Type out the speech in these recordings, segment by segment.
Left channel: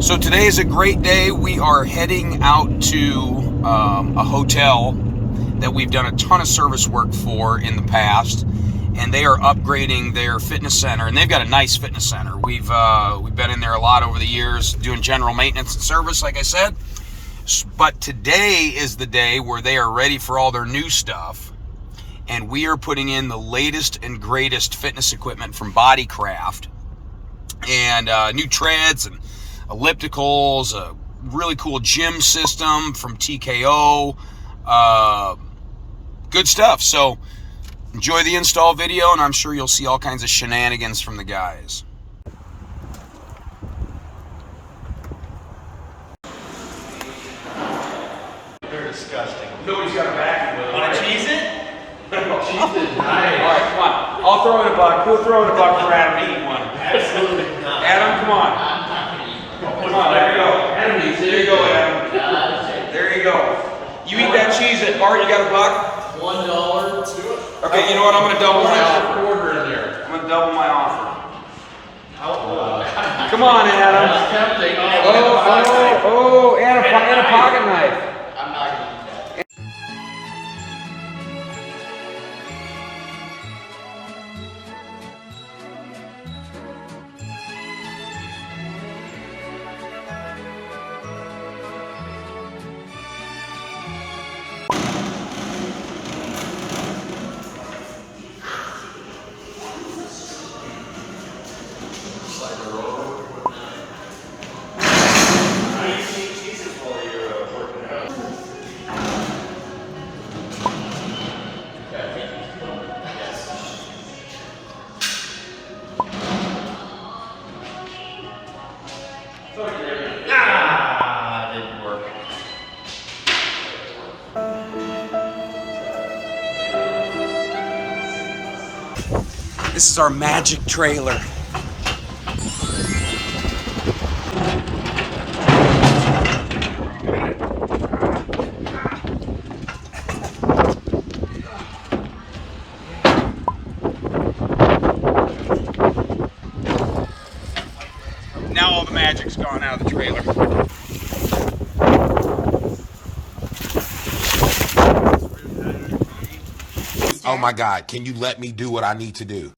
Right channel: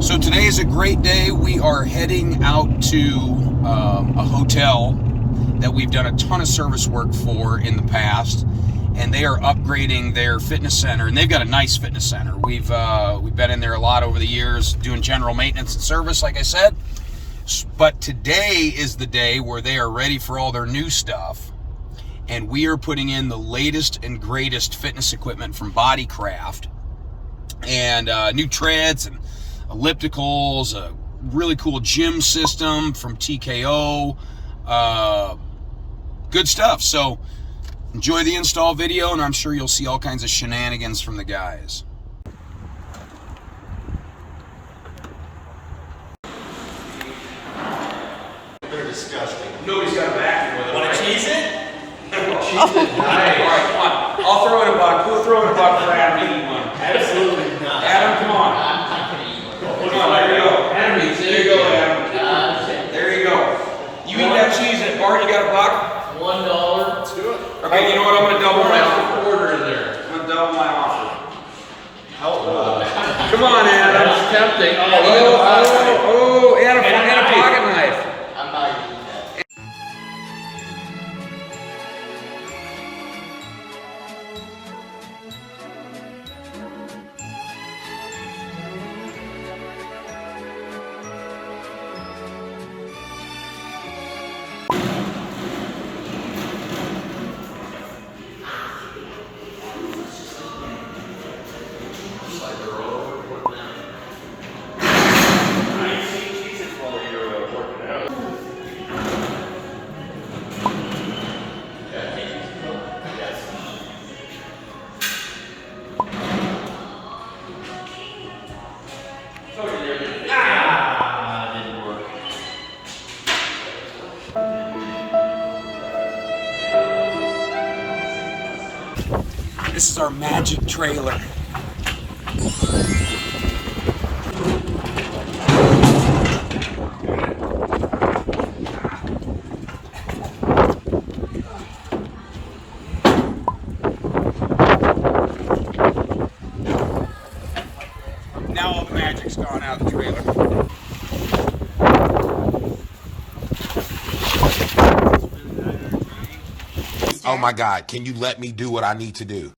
So today is a great day. We are heading out to a hotel that we've done a ton of service work for in the past, and they are upgrading their fitness center, and they've got a nice fitness center. We've been in there a lot over the years doing general maintenance and service, like I said. But today is the day where they are ready for all their new stuff, and we are putting in the latest and greatest fitness equipment from Bodycraft, and new treads and ellipticals, a really cool gym system from TKO, good stuff. So enjoy the install video, and I'm sure you'll see all kinds of shenanigans from the guys. They're disgusting. Nobody's got a vacuum with them. Want to cheese it? Nice. All right, come on. I'll throw in a buck. We'll throw in a buck for Adam to eat one. Absolutely not. Adam, come on. Come on, there you go. Enemies, there you go, Adam. There you go. You eat that cheese at Bart, you got a buck? $1. Okay, you know what? I'm going to double my offer. Quarter in there. I'm going to double my offer. Oh, Come on, Adam. that's tempting. Oh, and a pocket knife. I'm not eating that. Didn't work. This is our magic trailer. Now all the magic's gone out of the trailer. Oh my God, can you let me do what I need to do?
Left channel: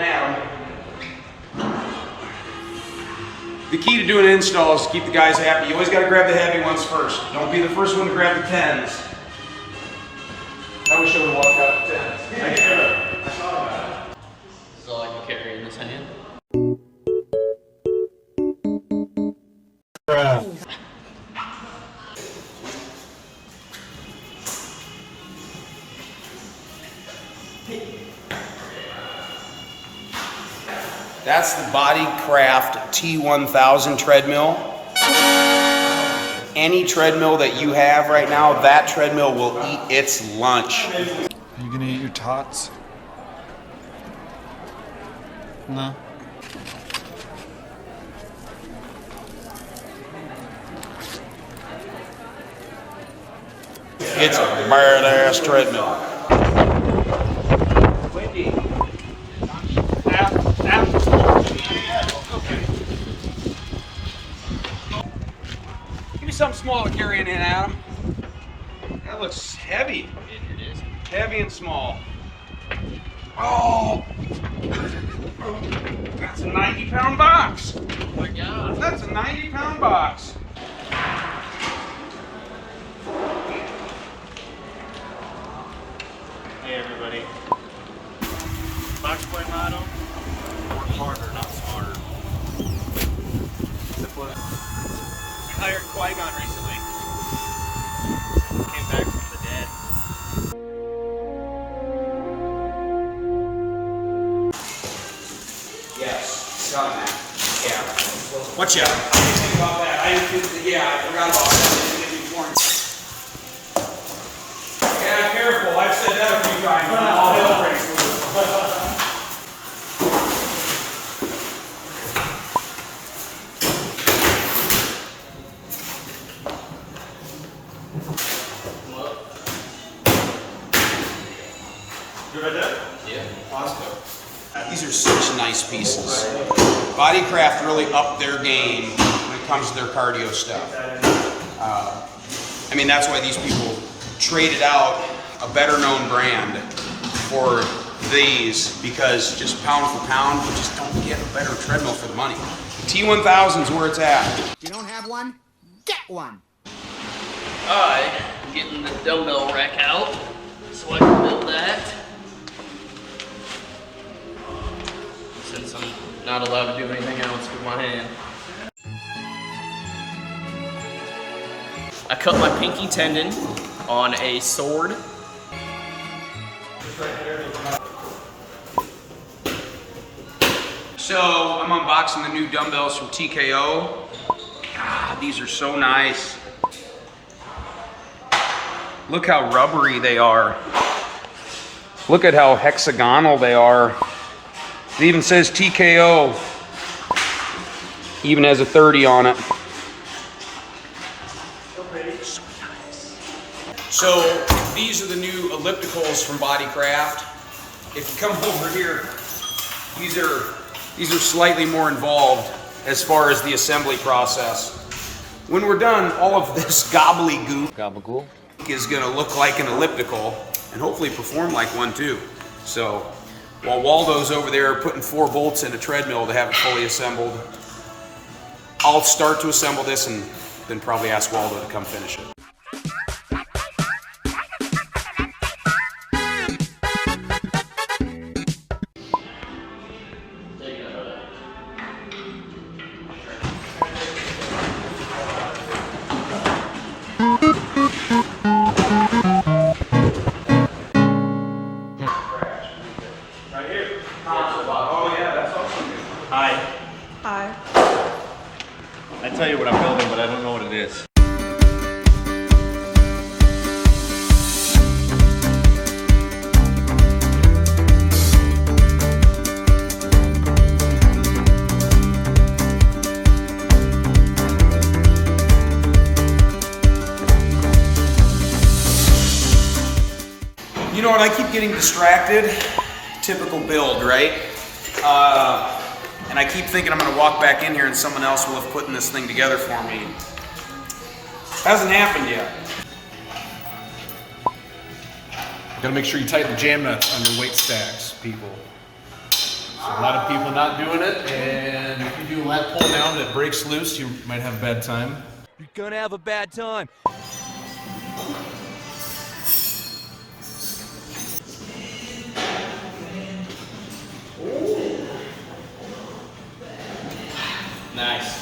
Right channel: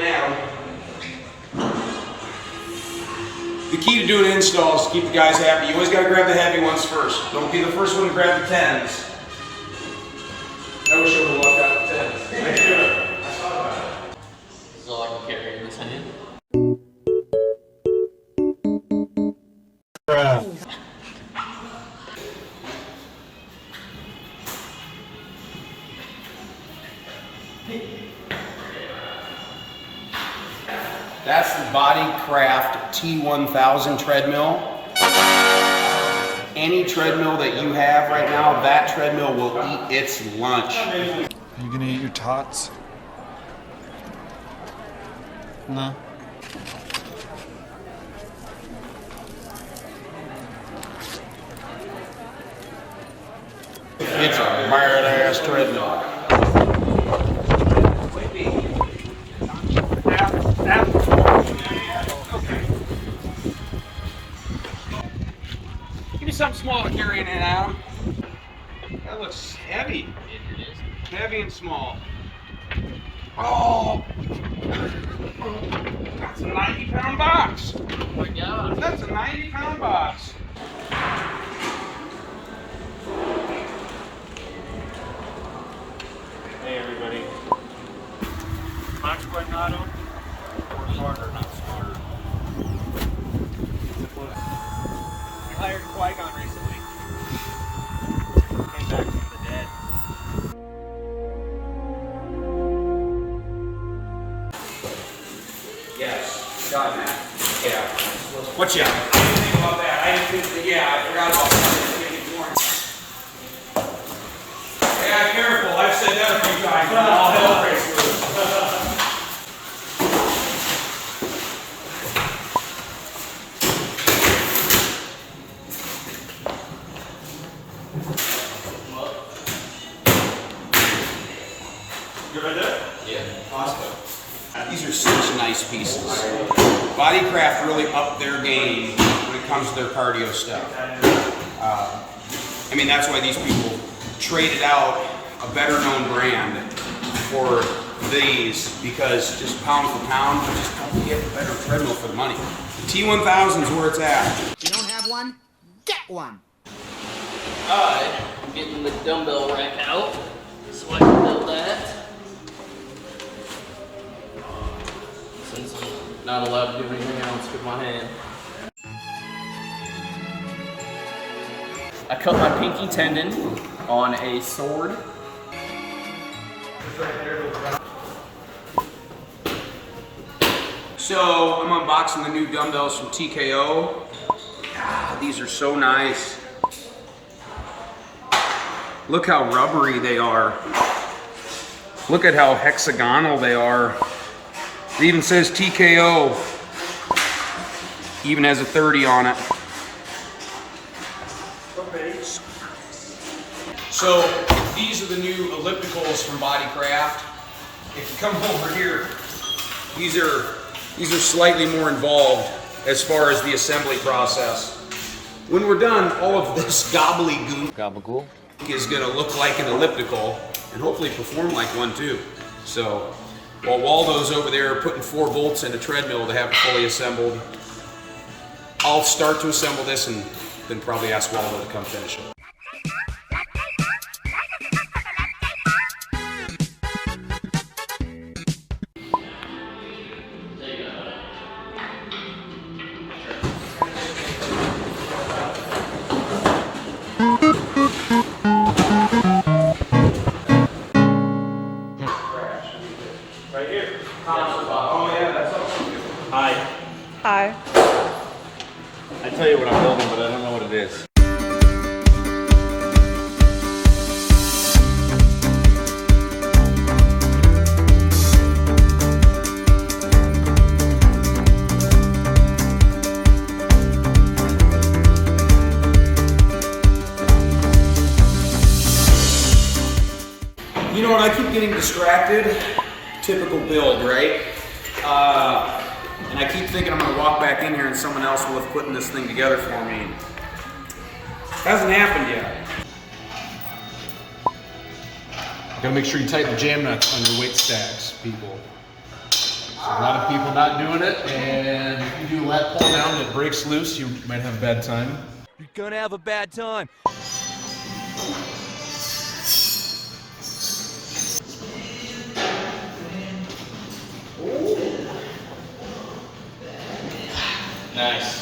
The key to doing an install is to keep the guys happy. You always got to grab the heavy ones first. Don't be the first one to grab the 10s. I wish I would have walked out the 10s. I thought about it. This is all I can carry in this hand. That's the Bodycraft T1000 treadmill. Any treadmill that you have right now, that treadmill will eat its lunch. Are you gonna eat your tots? No. It's a badass treadmill. Give me something small to carry in, Adam. That looks heavy. It is. Heavy and small. Oh! That's a 90-pound box. Oh my God. That's a 90-pound box. Hey everybody. Max Boy motto, work harder, not smarter. We hired Qui-Gon recently. Came back from the dead. Yes, done that. Yeah. What's up? I didn't think about that. I forgot about that. Yeah, careful. I've said that a few times. All hell breaks loose. You right there? Yeah. Awesome. These are such nice pieces. Bodycraft really upped their game when it comes to their cardio stuff. I mean, that's why these people traded out a better known brand for these, because just pound for pound, you just don't get a better treadmill for the money. The T1000 is where it's at. If you don't have one, get one. I'm getting the dumbbell rack out so I can build that. Since I'm not allowed to do anything else with my hand. I cut my pinky tendon on a sword. So I'm unboxing the new dumbbells from TKO. Ah, these are so nice. Look how rubbery they are. Look at how hexagonal they are. It even says TKO. Even has a 30 on it. So nice. So these are the new ellipticals from Bodycraft. If you come over here, these are slightly more involved as far as the assembly process. When we're done, all of this gobbledygook is gonna look like an elliptical and hopefully perform like one too. So while Waldo's over there putting 4 bolts in a treadmill to have it fully assembled, I'll start to assemble this and then probably ask Waldo to come finish it. Hi. Hi. I tell you what I'm building, but I don't know what it is. You know what, I keep getting distracted. Typical build, right? And I keep thinking I'm gonna walk back in here and someone else will have put this thing together for me. Hasn't happened yet. Gotta make sure you tighten the jam nuts on your weight stacks, people. So a lot of people not doing it, and if you do a lat pull down that breaks loose, you might have a bad time. You're gonna have a bad time. Nice.